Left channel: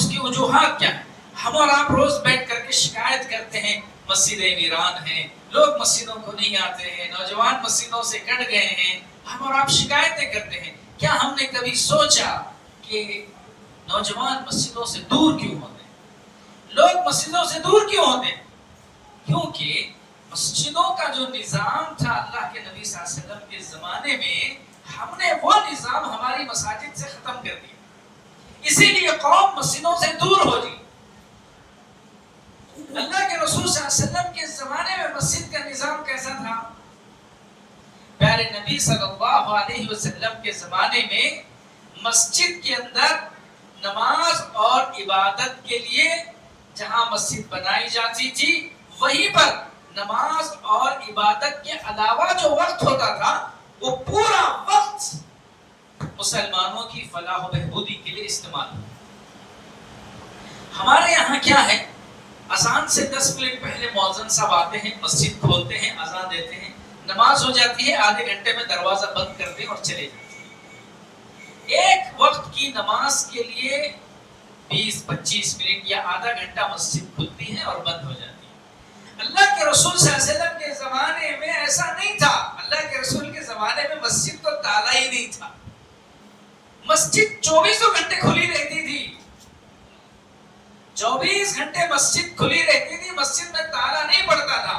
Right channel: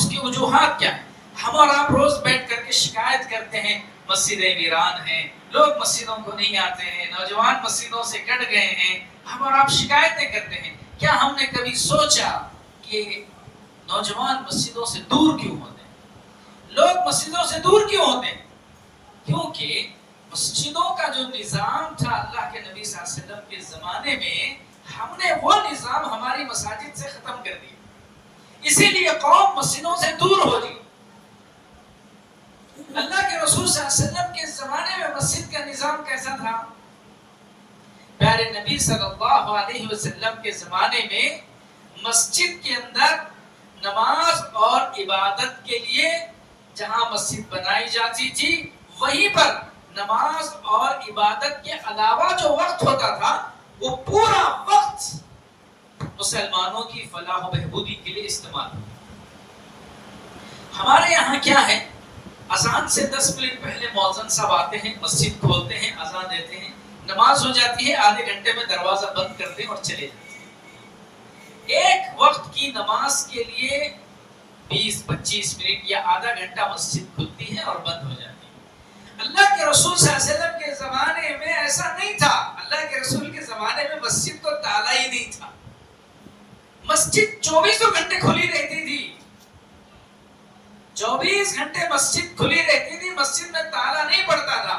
اس کی وجوہات کیا ہیں؟ ہم اور آپ روز بیٹھ کر کے شکایت کرتے ہیں مسجدیں ویران ہیں، لوگ مسجدوں کو نہیں آتے ہیں، نوجوان مسجدوں سے کٹ گئے ہیں، ہم اور آپ شکایتیں کرتے ہیں۔ کیا ہم نے کبھی سوچا کہ نوجوان مسجدوں سے دور کیوں ہوتے ہیں؟ لوگ مسجدوں سے دور کیوں ہوتے ہیں؟ کیونکہ مسجدوں کا جو نظام تھا اللہ کے نبی صلی اللہ علیہ وسلم کے زمانے میں، ہم نے وہ نظام ہماری مساجد سے ختم کر دیا، اسی لیے قوم مسجدوں سے دور ہو گئی۔ اللہ کے رسول صلی اللہ علیہ وسلم کے زمانے میں مسجد کا نظام کیسا تھا؟ پیارے نبی صلی اللہ علیہ وسلم کے زمانے میں مسجد کے اندر نماز اور عبادت کے لیے جہاں مسجد بنائی جاتی تھی، وہیں پر نماز اور عبادت کے علاوہ جو وقت ہوتا تھا وہ پورا وقت مسلمانوں کی فلاح و بہبودی کے لیے استعمال ہوتا۔ ہمارے یہاں کیا ہے، اذان سے 10 منٹ پہلے مؤذن صاحب آتے ہیں، مسجد کھولتے ہیں، اذان دیتے ہیں، نماز ہو جاتی ہے، آدھے گھنٹے میں دروازہ بند کرتے ہیں اور چلے جاتے ہیں۔ ایک وقت کی نماز کے لیے 20-25 منٹ یا آدھا گھنٹہ مسجد کھلتی ہے اور بند ہو جاتی ہے۔ اللہ کے رسول صلی اللہ علیہ وسلم کے زمانے میں ایسا نہیں تھا۔ اللہ کے رسول کے زمانے میں مسجد کو تالا ہی نہیں تھا، مسجد 24 گھنٹے کھلی رہتی تھی، 24 گھنٹے مسجد کھلی رہتی تھی، مسجد میں تالا نہیں پڑتا تھا۔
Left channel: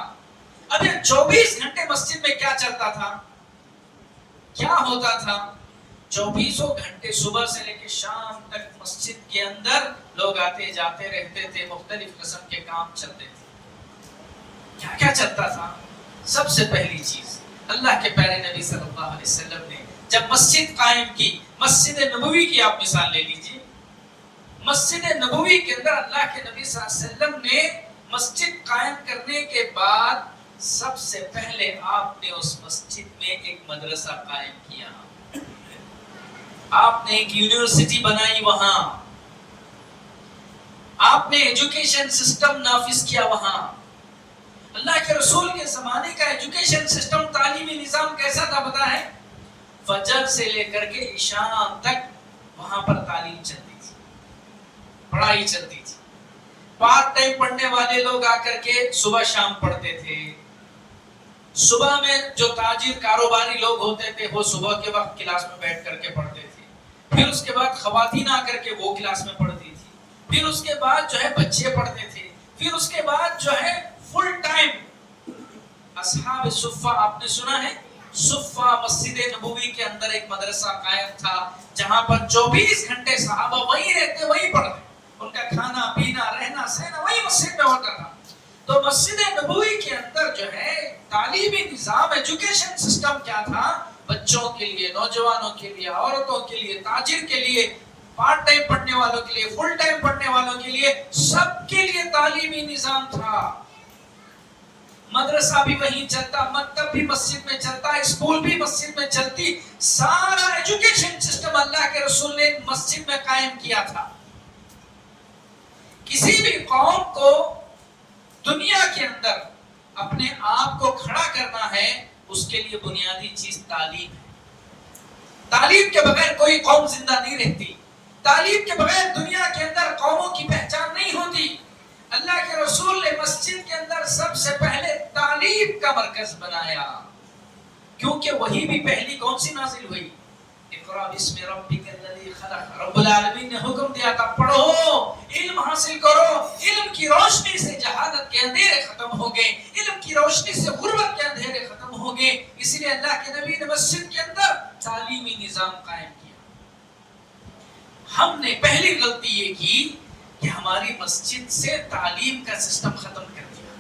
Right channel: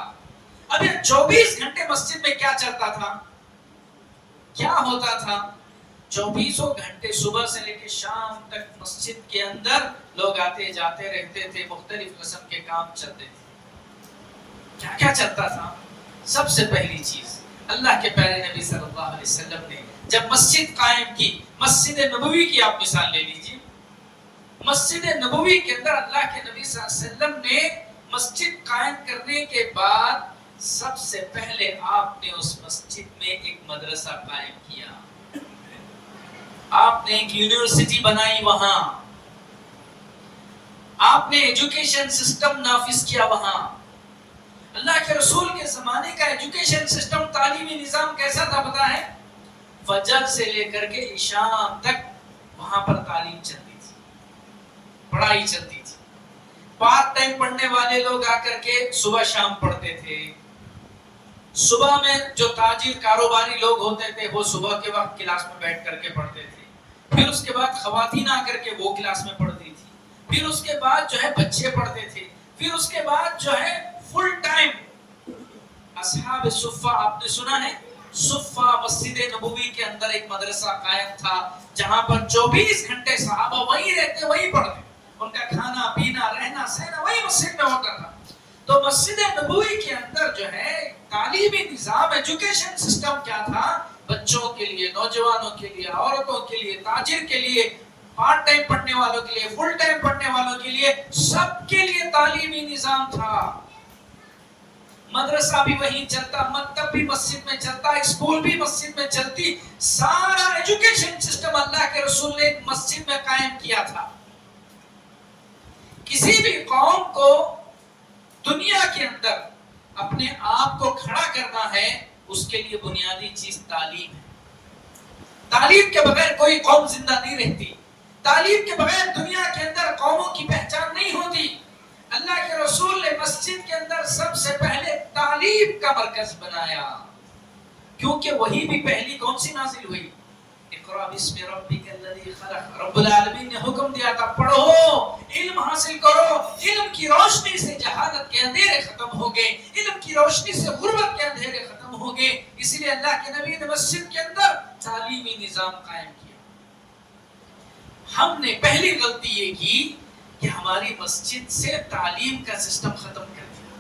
اب یہ 24 گھنٹے مسجد میں کیا چلتا تھا، کیا ہوتا تھا؟ 24 گھنٹے صبح سے لے کے شام تک مسجد کے اندر لوگ آتے جاتے رہتے تھے، مختلف قسم کے کام چلتے تھے۔ کیا کیا چلتا تھا؟ سب سے پہلی چیز، اللہ کے پیارے نبی صلی اللہ علیہ وسلم نے جب مسجد قائم کی، مسجد نبوی کی آپ مثال لے لیجئے، مسجد نبوی کے اندر اللہ کے نبی صلی اللہ علیہ وسلم نے مسجد قائم کرنے کے بعد سب سے پہلے آپ نے اس مسجد میں ایک مدرسہ قائم کیا، آپ نے ایک یونیورسٹی بنائی، وہاں آپ نے ایجوکیشن سسٹم نافذ کیا۔ وہاں اللہ کے رسول کے زمانے کا ایجوکیشن سسٹم، تعلیمی نظام کیسا تھا پتہ ہے؟ فجر سے لے کر کے عشاء تک وہاں پر تعلیم چلتی تھی، پڑھائی چلتی تھی۔ پارٹ ٹائم پڑھنے والے لوگ آ کر کے صبح شام پڑھتے تھے، صبح میں جو تاجر کاروباری لوگ ہوتے تھے وہ صبح کے وقت کلاس میں بیٹھ کر کے پڑھتے تھے، پھر اس کے بعد خواتین آ کر کے وہ کلاس میں پڑھتی تھی، پھر اس کے بعد جو ہے بچے پڑھتے تھے، پھر اس کے بعد جو ہے فل ٹائم اصحاب صفہ، آپ نے سنا ہے صفہ مسجد نبوی کے اندر ایک مدرسہ قائم تھا جہاں پر 24 گھنٹے صحابہ وہیں رہتے، وہیں پڑھتے، ان کا کھانا پینا رہنا سہنا وہی مسجد میں ہوتا تھا۔ تو مسجد نبوی کے اندر جو ہے تعلیمی نظام، ایجوکیشن سسٹم کیا تھا؟ بچوں کے لیے، نوجوانوں کے لیے، عورتوں کے لیے، تاجر کے لیے، پارٹ ٹائم پڑھنے والوں کے لیے، فل ٹائم پڑھنے والوں کے لیے، سب کے لیے تعلیمی نظام تھا۔ مدرسہ بھی وہیں چلتا، مکتب بھی مسجد میں چلتا، اسکول بھی مسجد میں چلتی، سارا ایجوکیشن سسٹم اللہ کے رسول نے مسجد میں قائم کیا تھا۔ کسی بھی قوم کو دنیا کے اندر اپنے آپ کو کھڑا کرنا ہے، اس کے لیے بنیادی چیز تعلیم ہے۔ تعلیم کے بغیر کوئی قوم زندہ نہیں رہتی، تعلیم کے بغیر دنیا کے اندر قوموں کی پہچان نہیں ہوتی۔ اللہ کے رسول نے مسجد کے اندر سب سے پہلے تعلیم کا مرکز بنایا، کیونکہ وہی بھی پہلی کون سی نازل ہوئی؟ اقرأ باسم ربک الذی خلق، رب العالمین نے حکم دیا تھا پڑھو، علم حاصل کرو، علم کی روشنی سے جہالت کے اندھیرے ختم ہو گئے، علم کی روشنی سے غربت کے اندھیرے ختم ہو گئے، اس لیے اللہ کے نبی نے مسجد کے اندر تعلیمی نظام قائم کیا۔ ہم نے پہلی غلطی یہ کی کہ ہماری مسجد سے تعلیم کا سسٹم ختم کر دیا،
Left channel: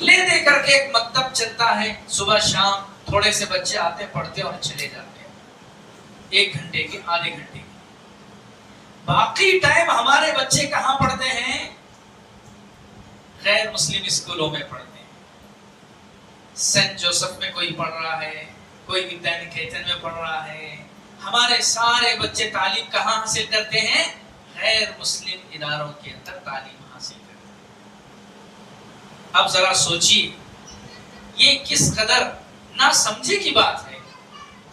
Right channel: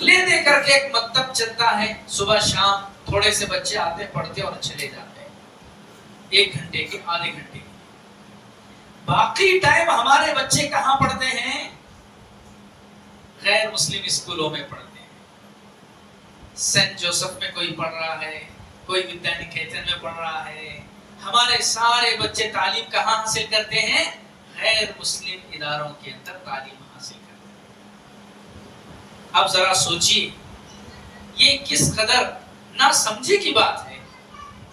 لے دے کر کے ایک مکتب چلتا ہے، صبح شام تھوڑے سے بچے آتے پڑھتے اور چلے جاتے ہیں، 1 گھنٹے کے، آدھے گھنٹے کے، باقی ٹائم ہمارے بچے کہاں پڑھتے ہیں؟ غیر مسلم اسکولوں میں پڑھتے ہیں، سینٹ جوسف میں کوئی پڑھ رہا ہے، کوئی ودیا نکیتن میں پڑھ رہا ہے۔ ہمارے سارے بچے تعلیم کہاں حاصل کرتے ہیں؟ غیر مسلم اداروں کے اندر تعلیم حاصل کرتے ہیں۔ اب ذرا سوچیے، یہ کس قدر نہ سمجھی کی بات ہے۔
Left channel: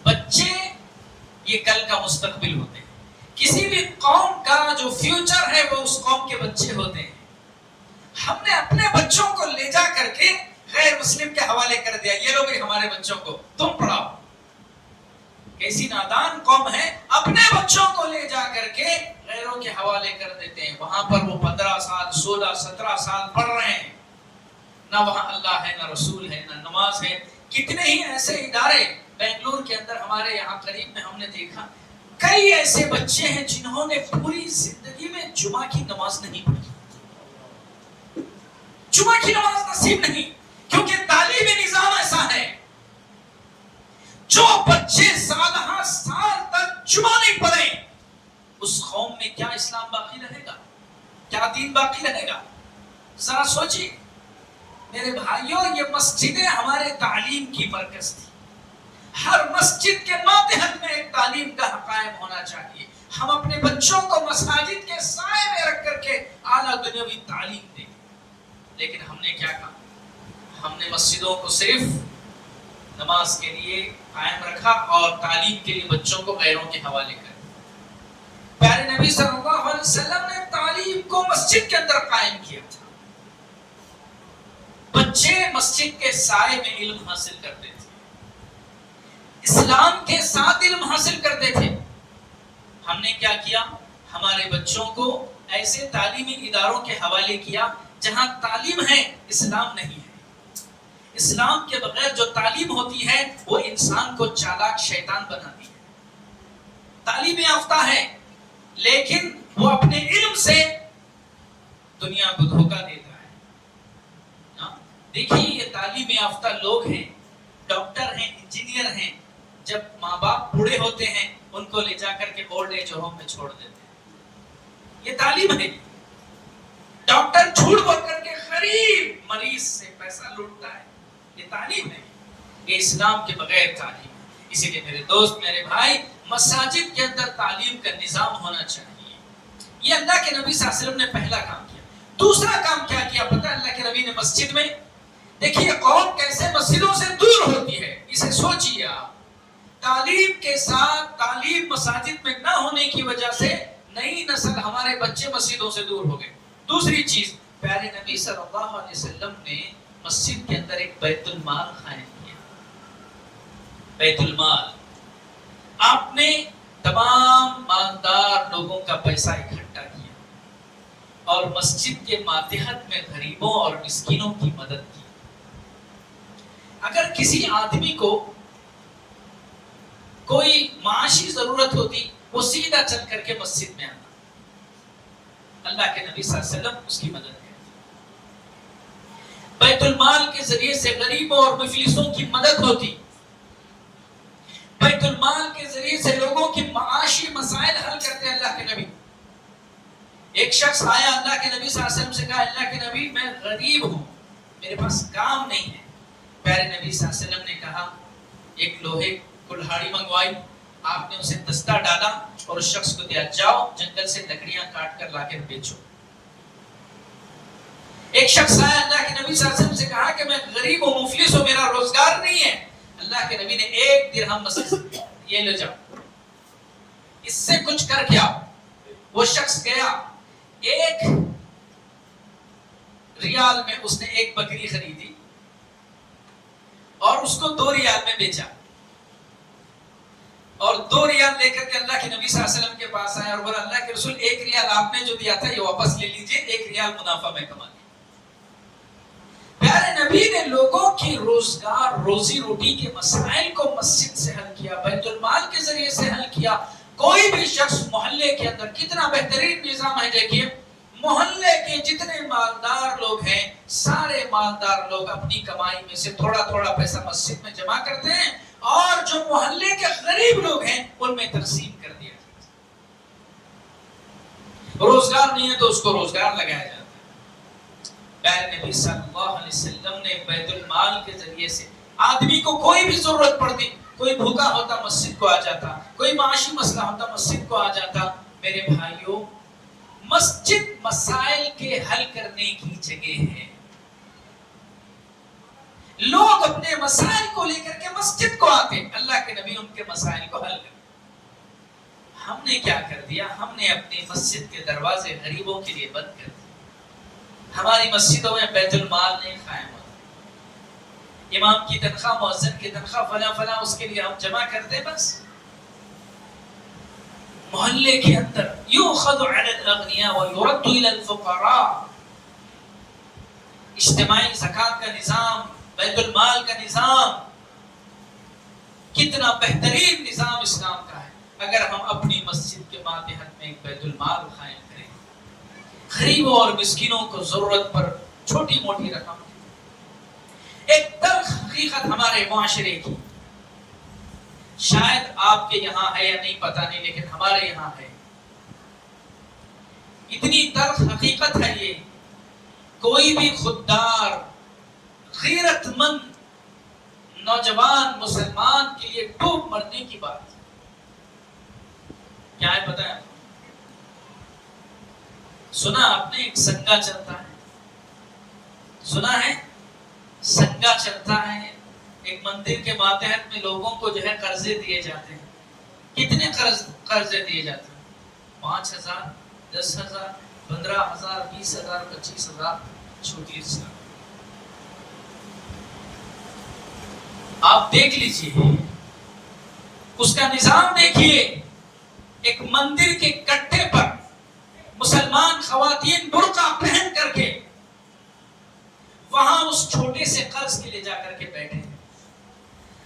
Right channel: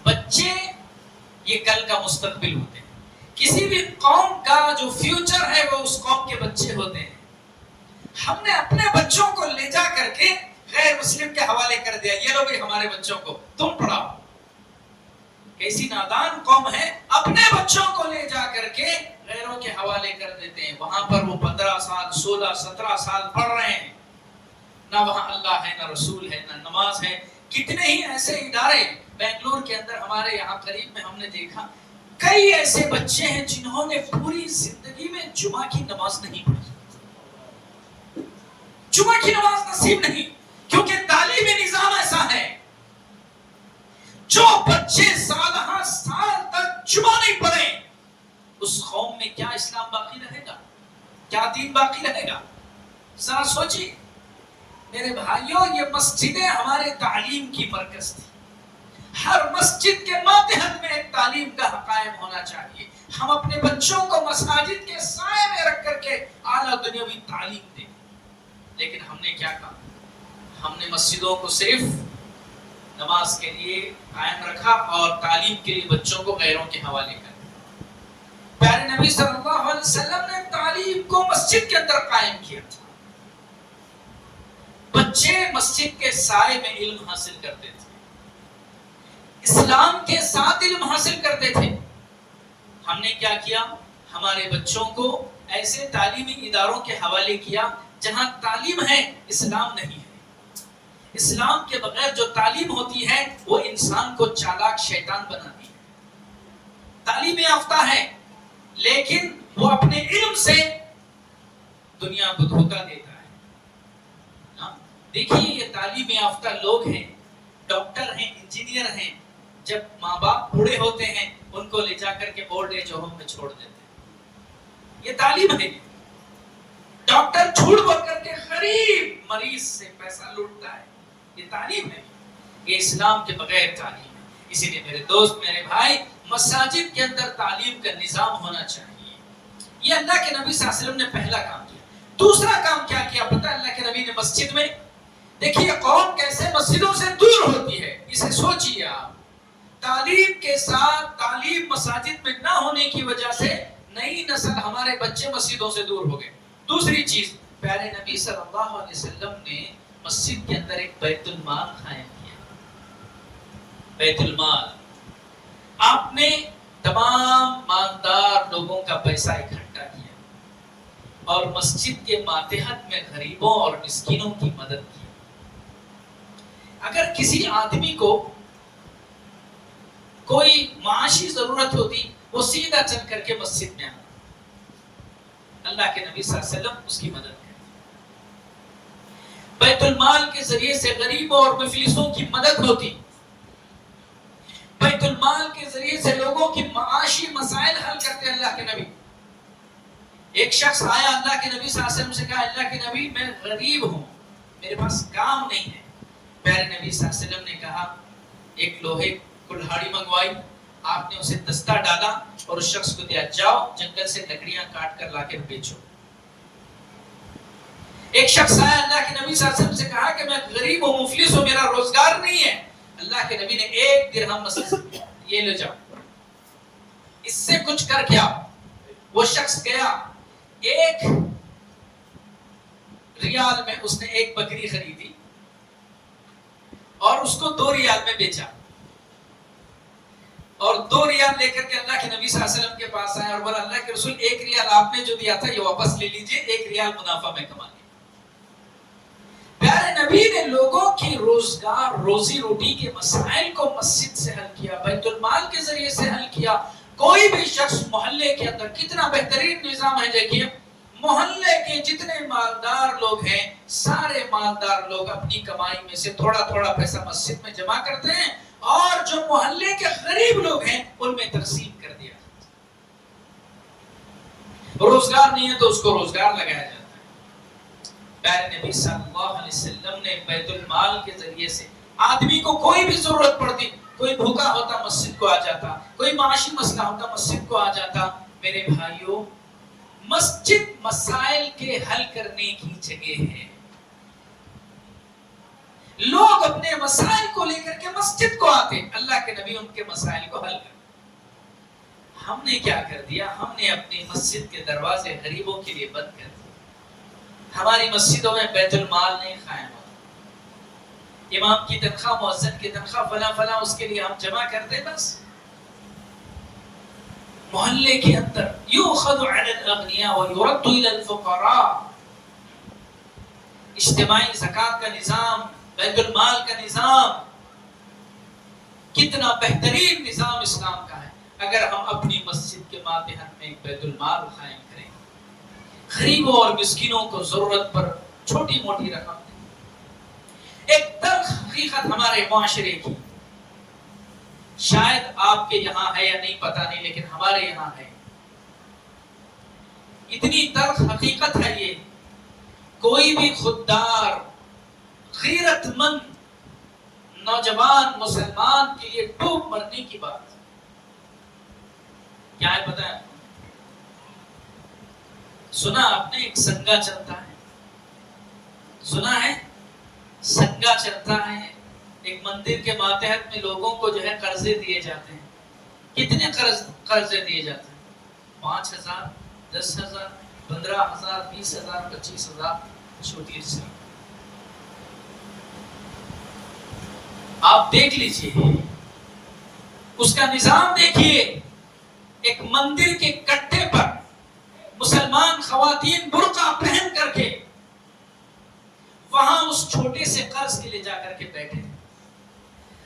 بچے یہ کل کا مستقبل ہوتے ہیں، کسی بھی قوم کا جو فیوچر ہے وہ اس قوم کے بچے ہوتے ہیں. ہم نے اپنے بچوں کو لے جا کر کے غیر مسلم کے حوالے کر دیا, یہ لو بھی ہمارے بچوں کو تم پڑھاؤ. کیسی نادان قوم ہے, اپنے بچوں کو لے جا کر کے غیروں کے حوالے کر دیتے ہیں. وہاں پر وہ 15 سال 16 17 سال پڑھ رہے ہیں, نہ وہاں اللہ ہے نہ رسول ہے نہ نماز ہے. کتنے ہی ایسے ادارے بنگلور کے اندر ہمارے یہاں قریب میں ہم نے دیکھا, کئی ایسے بچے ہیں جنہوں نے پوری زندگی میں جمعہ کی نماز نہیں پڑھی. جمعہ کی نماز نصیب نہیں, کیونکہ تعلیمی نظام ایسا ہے جو بچے سالہ سال تک جمعہ نہیں پڑھیں, اس قوم میں کیا اسلام باقی رہے گا, کیا دین باقی رہے گا؟ ذرا سوچیے میرے بھائیوں, یہ مسجدیں ہمارے تعلیم کی مرکز تھی. ہر مسجد کے ماتحت میں ایک تعلیم کا قائم ہونا چاہیے. ہم اپنے بچوں کو مساجد کے سائے میں رکھ کر کے اعلیٰ دنیاوی تعلیم دیں. لیکن ہم نے کیا کہا, ہم نے مسجدوں کو صرف نماز کے لیے قائم رکھا اور تعلیم کے لیے بچوں کو غیروں کے حوالے کر. پیارے نبی صلی اللہ علیہ وسلم نے تعلیم کو مسجد کے اندر قائم کیا تھا. بچے مسجد کے سائے میں علم حاصل کرتے تھے, اسلام کے ساتھ علم حاصل کرتے تھے. ہم نے کیا کیا, ہمارے بچوں کو ایسے تعلیمی اداروں کے حوالے کیا جہاں تعلیم ہے اسلام نہیں ہے. اسلام کے بغیر جو تعلیم ہوتی ہے وہ انسان کو چالاک شیطان بناتی ہے. تعلیم یافتہ ہے لیکن وہ اپنے علم سے دنیا کو دھوکہ دیتا ہے. دیکھیے یہ تعلیم یافتہ لوگ ہیں, ڈاکٹر ہیں, انجینئر ہیں, جب ماں باپ بوڑھے ہوتے ہیں ان کو لے جا کر کے اولڈ ایج ہوم میں چھوڑ دیتے ہیں. یہ تعلیم ہے. ڈاکٹر جھوٹ بول کر کے غریب مریض سے پیسہ لوٹتا ہے, یہ تعلیم ہے. یہ اسلام کے بغیر تعلیم ہے. اسی لیے میرے دوست میرے بھائی, مساجد کے اندر تعلیم کا نظام ہونا چاہیے. یہ اللہ کے نبی صلی اللہ علیہ وسلم نے پہلا کام کیا. دوسرا کام کیا کیا پتہ, اللہ کے نبی نے مسجد میں, دیکھیے قوم کیسے مسجدوں سے دور ہوتی ہے, اسے سوچیے آپ. تعلیم کے ساتھ تعلیم مساجد میں نہ ہونے کی وجہ سے نئی نسل ہمارے بچے مسجدوں سے دور ہو گئے. دوسری چیز, پیارے نبی صلی اللہ علیہ وسلم نے مسجد کے اندر ایک بیت المال قائم کیا. بیت المال, آپ نے تمام مالدار لوگوں کا پیسہ اکٹھا کیا اور مسجد کے ماتحت میں غریبوں اور مسکینوں کی مدد کی. اگر کسی آدمی کو کوئی معاشی ضرورت ہوتی وہ سیدھا چل کر کے مسجد میں آتا, اللہ کے نبی صلی اللہ علیہ وسلم اس کی مدد کرتے. بیت المال کے ذریعے سے غریبوں اور مفلسوں کی مدد ہوتی. بیت المال کے ذریعے سے لوگوں کی معاشی مسائل حل کرتے اللہ کے نبی. ایک شخص آیا اللہ کے نبی صلی اللہ علیہ وسلم سے کہا, اللہ کے نبی میں غریب ہوں, میرے پاس کام نہیں ہے. پیارے نبی صلی اللہ علیہ وسلم نے کہا, ایک لوہے کلہاڑی منگوائی, آپ نے اسے دستہ ڈالا اور اس شخص کو دیا, جاؤ جنگل سے لکڑیاں کاٹ کر لا کے بیچو. ایک شخص آیا, اللہ کے نبی صلی اللہ علیہ وسلم سے کہا کہ میں غریب ہوں, مفلس ہوں, میرا روزگار نہیں ہے. اللہ کے نبی نے 1 درہم مسجد سے دیا, یہ لے جاؤ, اس سے کچھ کر کے آؤ. وہ شخص گیا, 1 ریال میں اس نے 1 بکری خریدی اور اس کو 2 ریال میں بیچا, اور 2 ریال لے کر کے اللہ کے نبی صلی اللہ علیہ وسلم کے پاس آیا اور بولا, اللہ کے رسول 1 ریال آپ نے جو دیا تھا یہ واپس لے لیجئے, 1 ریال منافع میں کما لیا. پیارے نبی نے لوگوں کی روزگار روزی روٹی کے مسائل کو مسجد سے حل کیا, بیت المال کے ذریعے سے حل کیا. کوئی بھی شخص محلے کے اندر, کتنا بہترین نظام ہے دیکھیے, محلے کے جتنے مالدار لوگ ہیں سارے مالدار لوگ اپنی کمائی میں سے تھوڑا تھوڑا پیسہ مسجد میں جمع کرتے ہیں اور جو محلے کے غریب لوگ ہیں ان میں تقسیم کر دیا جاتا ہے. روزگار نہیں ہے تو اس کو روزگار لگایا جاتا ہے. پیارے نبی صلی اللہ علیہ وسلم نے بیت المال کے ذریعے سے آدمی کو کوئی بھی ضرورت پڑتی, کوئی بھوکا ہوتا مسجد کو آ جاتا, کوئی معاشی مسئلہ ہوتا مسجد کو آ جاتا. میرے بھائیوں, مسجد مسائل کے حل کرنے کی جگہ ہے. لوگ اپنے مسائل کو لے کر کے مسجد کو آتے, اللہ کے نبی ان کے مسائل کو حل کرتے. ہم نے کیا کر دیا؟ ہم نے اپنی مسجد کے دروازے غریبوں کے لیے بند کر دیے۔ ہماری مسجدوں میں بیت المال نہیں قائم ہوتا، امام کی تنخواہ، مؤذن کی تنخواہ، فلاں فلاں، اس کے لیے ہم جمع کرتے بس۔ محلے کے اندر یؤخذ علی الاغنیاء ویرد الی الفقراء، اجتماعی زکوٰۃ کا نظام، بیت المال کا نظام، کتنا بہترین نظام اسلام کا ہے۔ اگر ہم اپنی مسجد کے ماتحت میں ایک بیت المال قائم کریں، غریبوں اور مسکینوں کو ضرورت پر چھوٹی موٹی رقم، ایک تلخ حقیقت ہمارے معاشرے کی، شاید آپ کے یہاں ہے یا نہیں پتہ نہیں، لیکن ہمارے یہاں ہے، اتنی تلخ حقیقت ہے یہ، کوئی بھی خوددار غیرت مند نوجوان مسلمان کے لیے ڈوب مرنے کی بات کیا ہے پتہ ہے؟ سنا آپ نے ایک سنگا چلتا ہے، سنا ہے سنگا چلتا ہے، ایک مندر کے ماتحت میں لوگوں کو جو ہے قرضے دیے جاتے ہیں۔ کتنے قرضے دیے جاتے ہیں؟ 5,000، 10,000، 15,000، 20,000، 25,000، چھوٹی رقم۔ آپ دیکھ لیجئے اس کا نظام، دیکھیے ایک مندر کے کٹھے پر مسلمان خواتین برقع پہن کر کے وہاں اس چھوٹے سے قرض کے لے جا کر کے بیٹھے،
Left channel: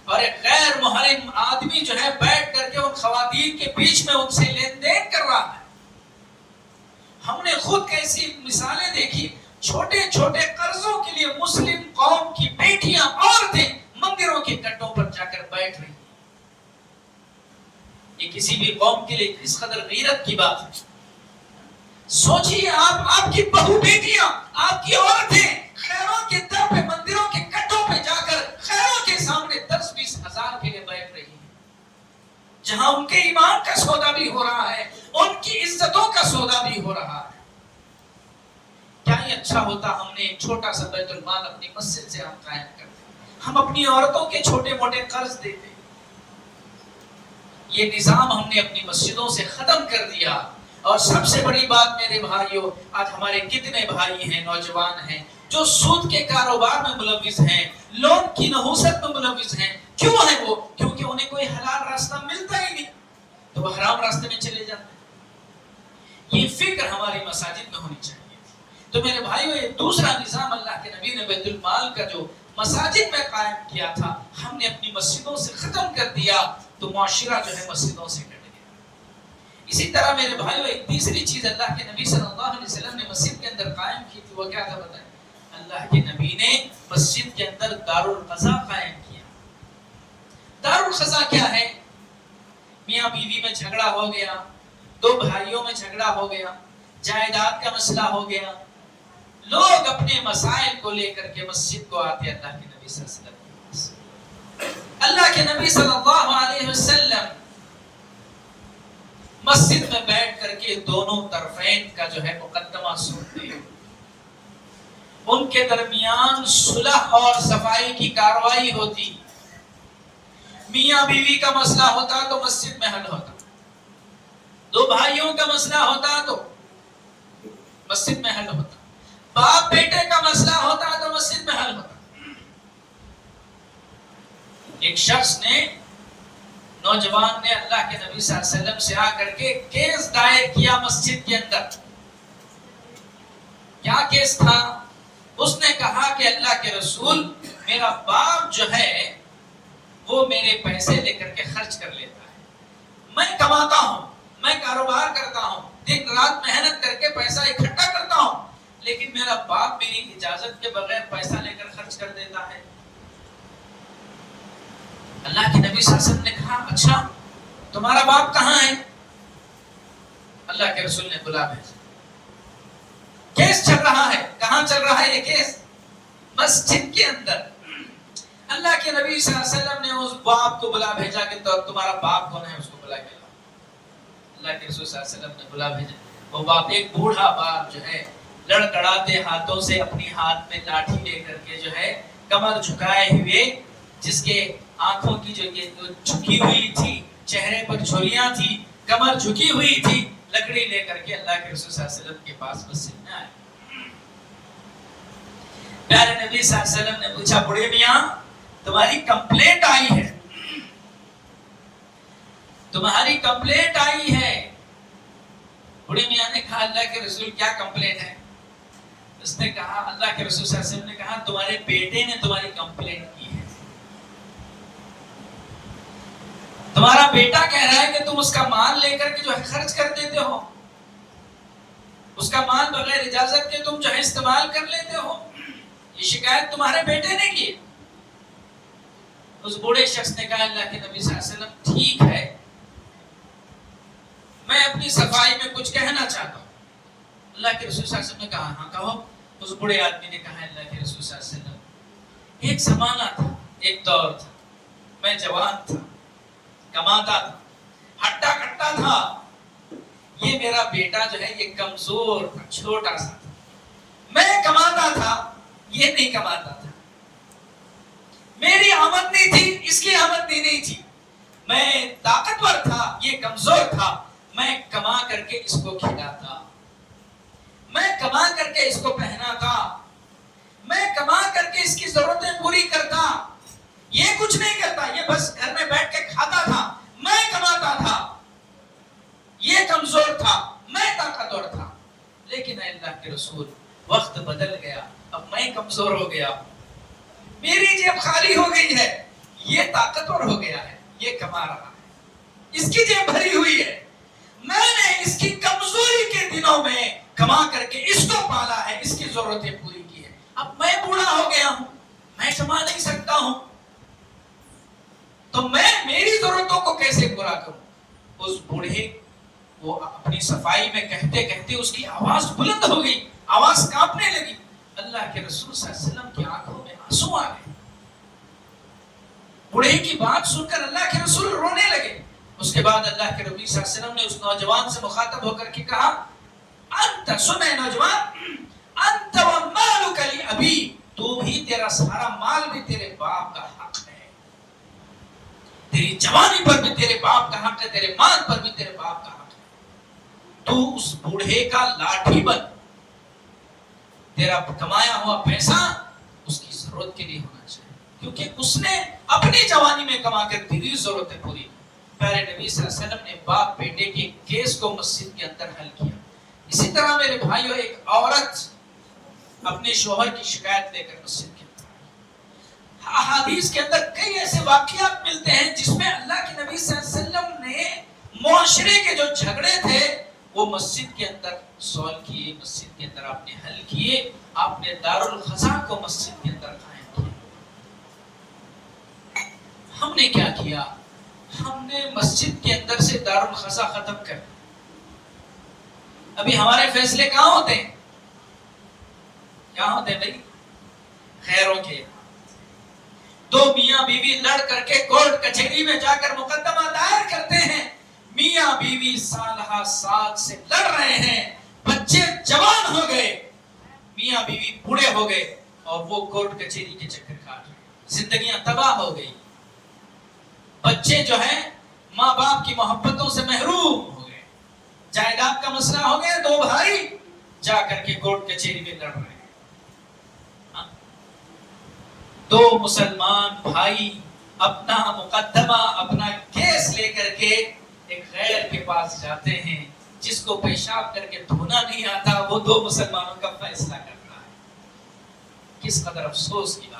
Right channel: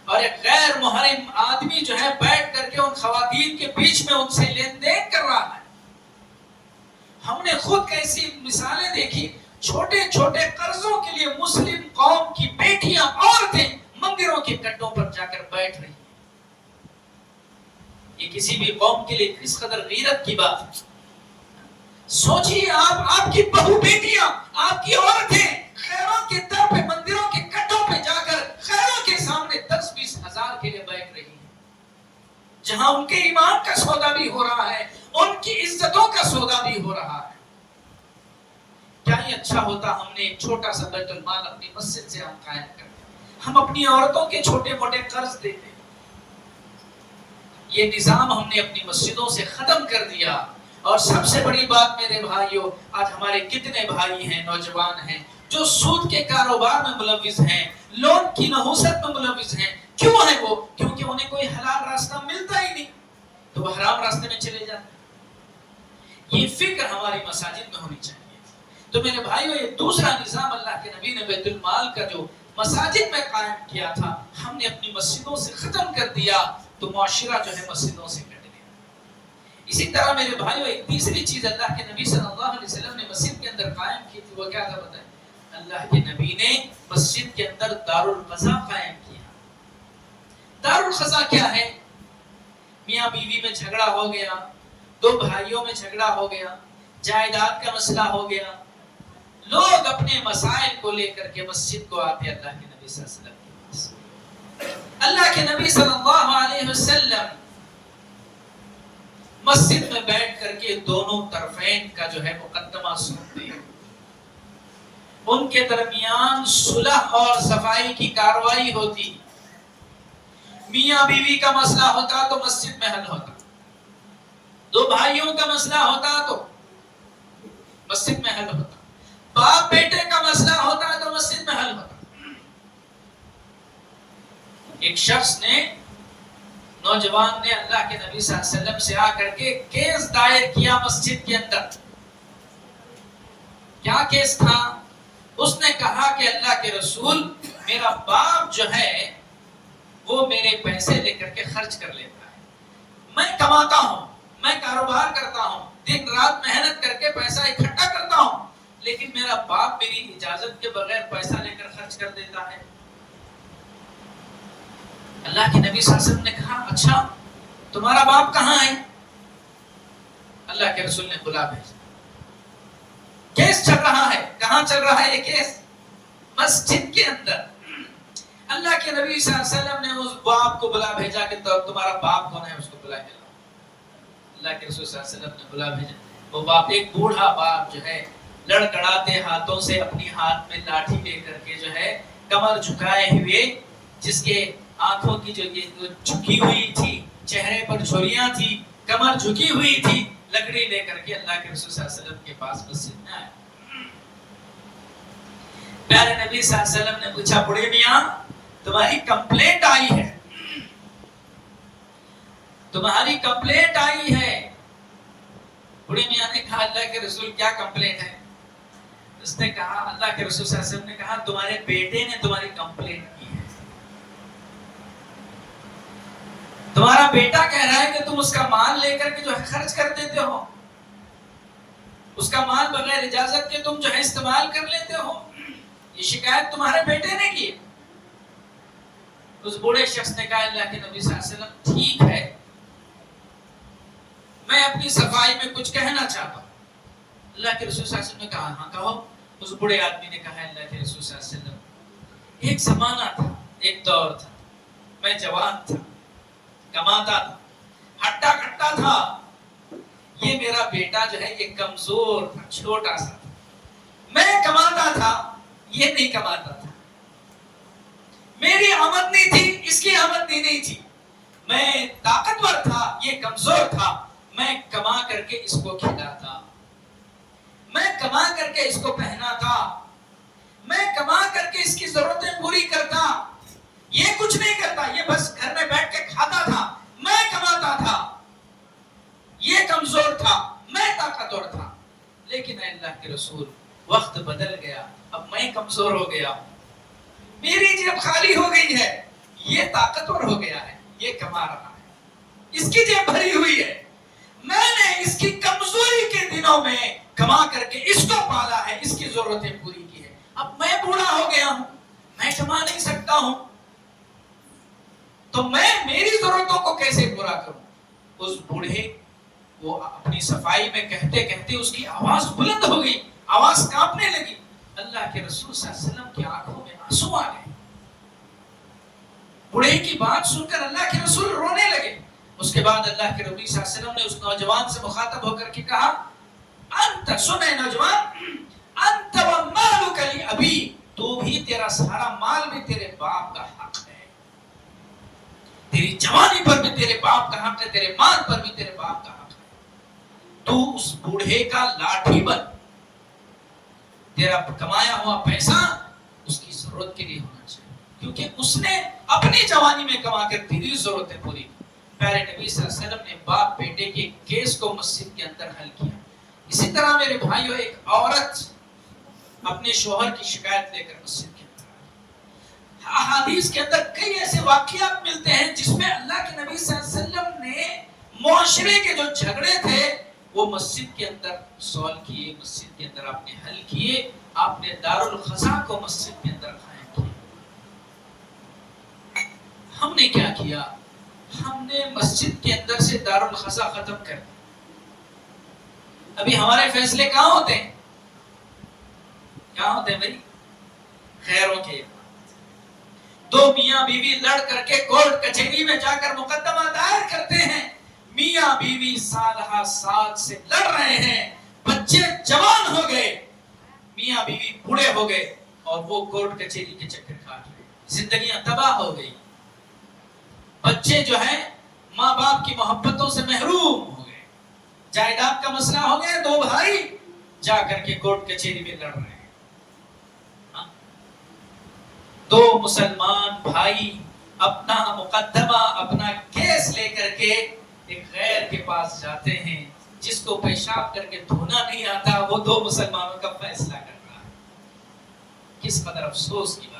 اور ایک غیر محرم آدمی جو ہے بیٹھ کر کے ان خواتین کے بیچ میں ان سے لین دین کر رہا ہے۔ ہم نے خود ایسی مثالیں دیکھی، چھوٹے چھوٹے قرضوں کے لیے مسلم قوم کی بیٹیاں، عورتیں مندروں کے کٹوں پر جا کر بیٹھ رہی ہیں۔ یہ کسی بھی قوم کے لیے اس قدر غیرت کی بات ہے۔ سوچیے آپ کی بہو بیٹیاں، آپ کی عورتیں خیروں کے در پہ، مندروں کے کٹوں پہ جا کر خیروں کے سامنے 10-20 ہزار کے لیے بیٹھ رہی ہیں، جہاں ان کے ایمان کا سودا بھی ہو رہا ہے، ان کی عزتوں کا سودا بھی ہو رہا ہے۔ کیا ہی اچھا ہوتا ہم نے ایک چھوٹا سا بیت المال اپنی مسجد سے ہم قائم کرتے، ہم اپنی عورتوں کے چھوٹے موٹے قرض دیتے۔ یہ نظام ہم نے اپنی مسجدوں سے ختم کر دیا۔ اور سب سے بڑی بات میرے بھائیوں، آج ہمارے کتنے بھائی ہیں، نوجوان ہیں، جو سود کے کاروبار میں ملوث ہیں، لون کی نحوست میں ملوث ہیں۔ کیوں ہے وہ؟ کیونکہ انہیں کوئی حلال راستہ ملتا ہی نہیں، تو وہ حرام راستے میں چلے جاتے ہیں۔ یہ فکر ہماری مساجد میں ہونی چاہیے۔ تو میرے بھائیوں، یہ دوسرا نظام اللہ کے نبی نے بیت المال کا جو مساجد میں قائم کیا تھا، ہم نے اپنی مسجدوں سے ختم کر دیا، تو معاشرہ جو ہے مسجدوں سے کٹ گیا۔ اسی طرح میرے بھائیوں، ایک تیسری چیز اللہ کے نبی صلی اللہ علیہ وسلم نے مسجد کے اندر قائم کی تھی، وہ کیا تھا بتائیں؟ اللہ کے نبی نے مسجد کے اندر دارالقضا قائم کیا۔ دارالقضا کیا ہے؟ میاں بیوی میں جھگڑا ہو گیا، دو بھائیوں میں جھگڑا ہو گیا، جائیداد کا مسئلہ ہو گیا، لوگ اپنے مسائل کو لے کر کے مسجد کو آتے اللہ کے نبی صلی اللہ علیہ وسلم کے پاس۔ اللہ کے نبی صلی اللہ علیہ وسلم مسجد میں بیٹھ کر کے دونوں طرفین کا جو ہے مقدمہ سنتے، ان کے درمیان صلح اور صفائی کی کارروائی ہوتی۔ میاں بیوی کا مسئلہ ہوتا تو مسجد میں حل ہوتا، دو بھائیوں کا مسئلہ ہوتا تو مسجد میں حل ہوتا، باپ بیٹے کا مسئلہ ہوتا تو مسجد میں حل ہوتا۔ ایک شخص نے، نوجوان نے اللہ کے نبی صلی اللہ علیہ وسلم سے آ کر کے کیس دائر کیا مسجد کے اندر۔ کیا کیس تھا؟ اس نے کہا کہ اللہ کے رسول، میرا باپ جو ہے وہ میرے پیسے لے کر کے خرچ کر لیتا ہے، میں کماتا ہوں، میں کاروبار کرتا ہوں، دن رات محنت کر کے پیسہ اکٹھا کرتا ہوں، لیکن میرا باپ میری اجازت کے بغیر پیسہ لے کر خرچ کر دیتا ہے۔ اللہ کے نبی صلی اللہ علیہ وسلم نے کہا، اچھا تمہارا باپ کہاں ہے؟ اللہ کے رسول نے بلا بھیجا۔ کیس چل رہا ہے، کہاں چل رہا ہے یہ کیس؟ مسجد کے اندر۔ اللہ کے نبی صلی اللہ علیہ وسلم نے اس باپ کو بلا بھیجا کہ تمہارا باپ کون ہے، اس کو بلا بھیجا۔ اللہ کے رسول صلی اللہ علیہ وسلم نے بلا بھیجا۔ وہ باپ، ایک بوڑھا باپ جو ہے، لڑکڑاتے ہاتھوں سے اپنی ہاتھ میں لاٹھی لے کر کے جو ہے کمر جھکائے ہوئے، جس کے آنکھوں کی جو جھکی ہوئی تھی، چہرے پر جھریاں تھی، کمر جھکی ہوئی تھی، لکڑی لے کر کے اللہ کے رسول صلی اللہ علیہ وسلم کے پاس مسجد میں آئے. پیارے نبی صلی اللہ علیہ وسلم نے پوچھا بڑے میاں تمہاری کمپلینٹ آئی ہے، تمہاری کمپلینٹ آئی ہے. بڑے میاں نے کہا اللہ کے رسول کیا کمپلینٹ ہے؟ اس نے کہا اللہ کے رسول صلی اللہ علیہ وسلم نے کہا تمہارے بیٹے نے تمہاری کمپلینٹ کی ہے. تمہارا بیٹا کہہ رہا ہے کہ تم اس کا مال لے کر کے جو ہے خرچ کر دیتے ہو، اس کا مال بغیر اجازت کے تم جو ہے استعمال کر لیتے ہو. یہ شکایت تمہارے بیٹے نے کی. اس بوڑھے شخص نے کہا اللہ کے نبی صلی اللہ علیہ وسلم ٹھیک ہے، میں اپنی صفائی میں کچھ کہنا چاہتا ہوں. اللہ کے رسول صلی اللہ علیہ وسلم نے کہا ہاں کہو. اس بوڑھے آدمی نے کہا اللہ کے رسول صلی اللہ علیہ وسلم ایک زمانہ تھا، ایک دور تھا، میں جوان تھا، کماتا تھا، ہٹا کٹا تھا. یہ میرا بیٹا جو ہے یہ کمزور تھا، چھوٹا سا تھا. میں کماتا تھا، یہ نہیں کماتا تھا. میری آمدنی تھی، اس کی آمدنی نہیں تھی. میں طاقتور تھا، یہ کمزور تھا. میں کما کر کے اس کو کھلاتا، میں کما کر کے اس کو پہناتا، میں کما کر کے اس کی ضرورتیں پوری کرتا. یہ کچھ نہیں کرتا، یہ بس گھر میں بیٹھ کے کھاتا تھا. میں کماتا تھا، یہ کمزور تھا، میں طاقتور تھا. لیکن اے اللہ کے رسول وقت بدل گیا، اب میں کمزور ہو گیا، میری جیب خالی ہو گئی ہے. یہ طاقتور ہو گیا ہے، یہ کما رہا ہے، اس کی جیب بھری ہوئی ہے. میں نے اس کی کمزوری کے دنوں میں کما کر کے اس کو پالا ہے، اس کی ضرورتیں پوری کی ہے. اب میں بوڑھا ہو گیا ہوں، میں کما نہیں سکتا ہوں، تو میں میری ضرورتوں کو کیسے پورا کروں؟ اس بوڑھے وہ اپنی صفائی میں کہتے کہتے اس کی آواز بلند ہو گئی، آواز کانپنے لگی. اللہ کے رسول صلی اللہ علیہ وسلم کی آنکھوں میں آنسو آ گئے. بوڑھے کی بات سن کر اللہ کے رسول رونے لگے. اس کے بعد اللہ کے نبی صلی اللہ علیہ وسلم نے اس نوجوان سے مخاطب ہو کر کے کہا انت سنے نوجوان انت ومالک لابی، تو بھی تیرا سارا مال بھی تیرے باپ کا حق ہے، تیری جوانی پر بھی تیرے باپ کا حق ہے، تیرے مال پر بھی تیرے باپ کا حق ہے. تو اس بوڑھے کا لاٹھی بن، تیرا کمایا ہوا پیسہ اس کی ضرورت کے لیے ہونا چاہیے، کیونکہ اس نے اپنی جوانی میں کما کر تیری ضرورتیں پوری. پیارے نبی صلی اللہ علیہ وسلم نے باپ بیٹے کے کیس کو مسجد کے اندر حل کیا. اسی طرح میرے بھائیوں ایک عورت اپنے شوہر کی شکایت لے کر مسجد کے اندر. احادیث کے اندر کئی ایسے واقعات ملتے ہیں جس میں اللہ کے نبی صلی اللہ علیہ وسلم نے معاشرے کے جو جھگڑے تھے وہ مسجد کے اندر سولو کیے، مسجد کے اندر آپ نے حل کیے. آپ نے دارالخزا کو مسجد کے اندر قائم کیا. ہم نے کیا کیا؟ ہم نے مسجد کے اندر سے دارالخزا ختم کر دیا. ابھی ہمارے فیصلے کہاں ہوتے ہیں؟ کہاں ہوتے ہیں بھائی؟ خیروں کے. دو میاں بیوی لڑ کر کے کورٹ کچہری میں جا کر مقدمہ دائر کرتے ہیں. میاں بیوی سالہ سال سے لڑ رہے ہیں، بچے جوان ہو گئے، میاں بیوی بوڑھے ہو گئے اور وہ کورٹ کچہری کے چکر کاٹ رہے ہیں. زندگیاں تباہ ہو گئی. بچے جو ہیں ماں باپ کی محبتوں سے محروم ہو گئے. جائیداد کا مسئلہ ہو گیا، دو بھائی جا کر کے کورٹ کچہری میں لڑ رہے ہیں. دو مسلمان بھائی اپنا مقدمہ، اپنا کیس لے کر کے ایک غیر کے پاس جاتے ہیں. جس کو پیشاب کر کے دھونا نہیں آتا وہ دو مسلمانوں کا فیصلہ کرتا ہے. کس قدر افسوس کی بات.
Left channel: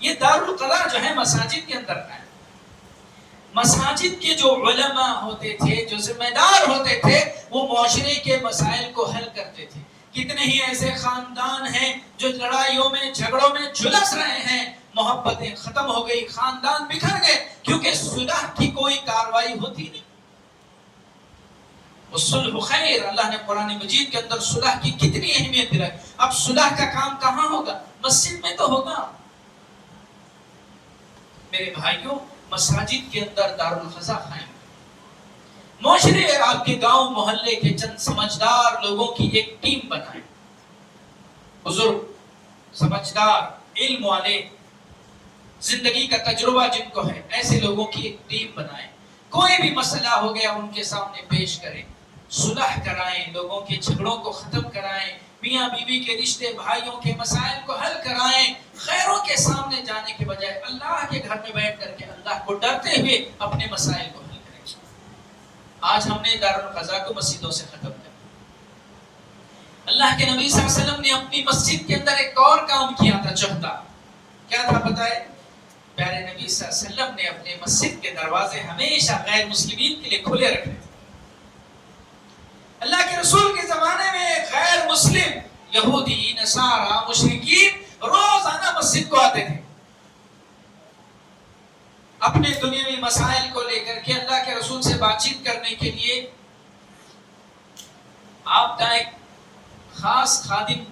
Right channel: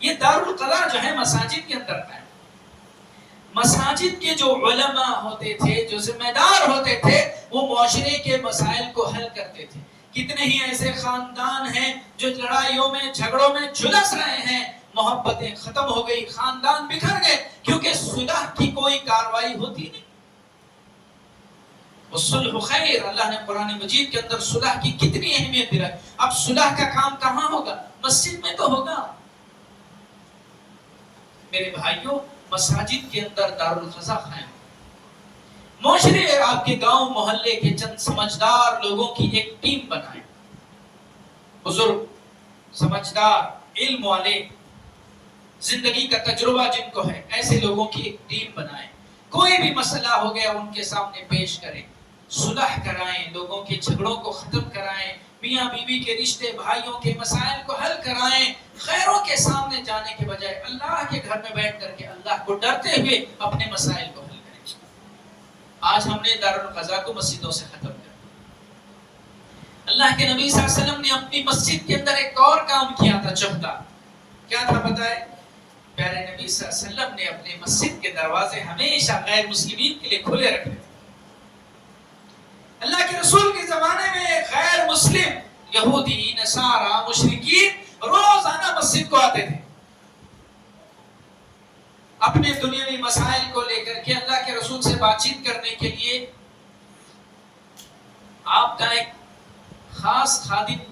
یہ دارالقضا جو ہے مساجد کے اندر ہے. مساجد کے جو علماء ہوتے تھے، جو ذمہ دار ہوتے تھے، وہ معاشرے کے مسائل کو حل کرتے تھے. کتنے ہی ایسے خاندان ہیں جو لڑائیوں میں جھگڑوں میں جھلس رہے ہیں، محبتیں ختم ہو گئی، خاندان بکھر گئے، کیونکہ صلح کی کوئی کاروائی ہوتی نہیں. صلح خیر، اللہ نے قرآن مجید کے اندر صلح کی کتنی اہمیت دلائی. اب صلح کا کام کہاں ہوگا؟ مسجد میں تو ہوگا. میرے بھائیوں مساجد کے اندر دارالخزا قائم. معاشرے آپ کے گاؤں محلے کے چند سمجھدار لوگوں کی ایک ٹیم بنائیں. بزرگ، سمجھدار، علم والے، زندگی کا تجربہ جن کو ہے، ایسے لوگوں کی ایک ٹیم بنائیں. کوئی بھی مسئلہ ہو گیا ان کے سامنے پیش کریں، صلح کرائیں، لوگوں کے جھگڑوں کو ختم کرائیں، میاں بیوی کے رشتے، بھائیوں کے مسائل کو حل کرائیں۔ غیروں کے سامنے جانے کے بجائے اللہ کے گھر میں بیٹھ کر کے اللہ کو ڈرتے ہوئے اپنے مسائل کو حل کریں۔ آج ہم نے دارالقضاء کو مسجدوں سے ختم کیا۔ اللہ کے نبی صلی اللہ علیہ وسلم نے اپنی مسجد کے اندر ایک اور کام کیا تھا، چوتھا کیا تھا پتہ ہے؟ پیارے نبی صلی اللہ علیہ وسلم نے اپنے مسجد کے دروازے ہمیشہ غیر مسلمین کے لیے کھلے رکھے تھے۔ اللہ کے رسول کے زمانے میں غیر مسلم یہودی، نصارا، مشرکین روزانہ مسجد کو آتے تھے، اپنے دنیاوی مسائل کو لے کر کے اللہ کے رسول سے بات چیت کرنے کے لیے۔ آپ کا ایک خاص خادم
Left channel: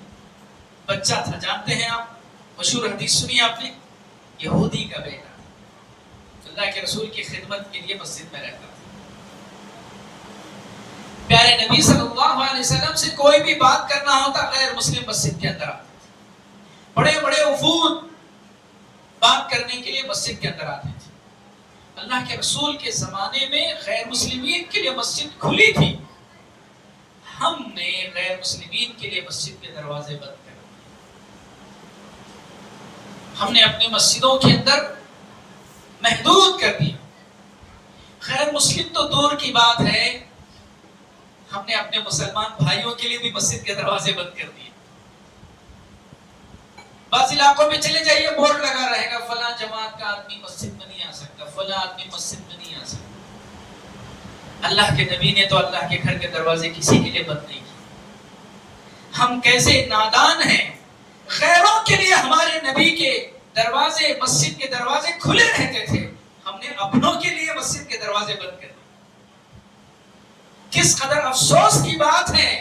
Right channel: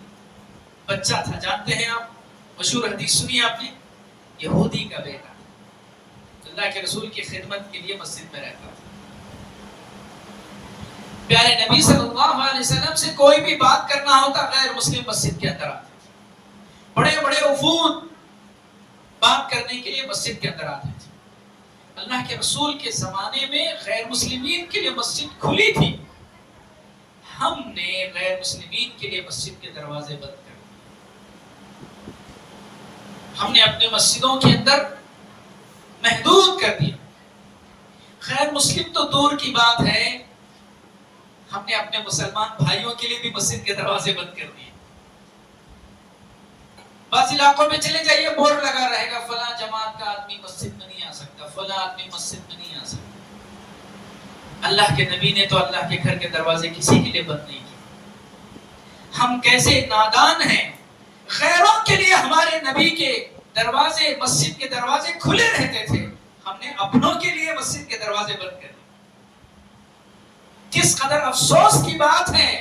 بچہ تھا، جانتے ہیں آپ، مشہور حدیث سنی آپ نے، یہودی کا بیٹا اللہ کے رسول کی خدمت کے لیے مسجد میں رہتا تھا۔ پیارے نبی صلی اللہ علیہ وسلم سے کوئی بھی بات کرنا ہوتا غیر مسلم مسجد کے اندر آتے تھے، بڑے بڑے وفود بات کرنے کے لیے مسجد کے اندر آتے تھے۔ اللہ کے رسول کے زمانے میں غیر مسلمین کے لیے مسجد کھلی تھی، ہم نے غیر مسلمین کے لیے مسجد کے دروازے بند کر دیے۔ ہم نے اپنے مسجدوں کے اندر محدود کر دیا۔ غیر مسلم تو دور کی بات ہے، ہم نے اپنے مسلمان بھائیوں کے لیے بھی مسجد کے دروازے بند کر دیے۔ بعض علاقوں میں چلے جائیے، بورڈ لگا رہے گا فلاں جماعت کا آدمی مسجد میں نہیں آ سکتا، فلاں آدمی مسجد میں نہیں آ سکتا۔ اللہ کے نبی نے تو اللہ کے گھر کے دروازے کسی کے لیے بند نہیں کیے۔ ہم کیسے نادان ہیں، غیروں کے لیے ہمارے نبی کے دروازے، مسجد کے دروازے کھلے رہتے تھے، ہم نے اپنوں کے لیے مسجد کے دروازے بند کر دیے۔ کس قدر افسوس کی بات ہے،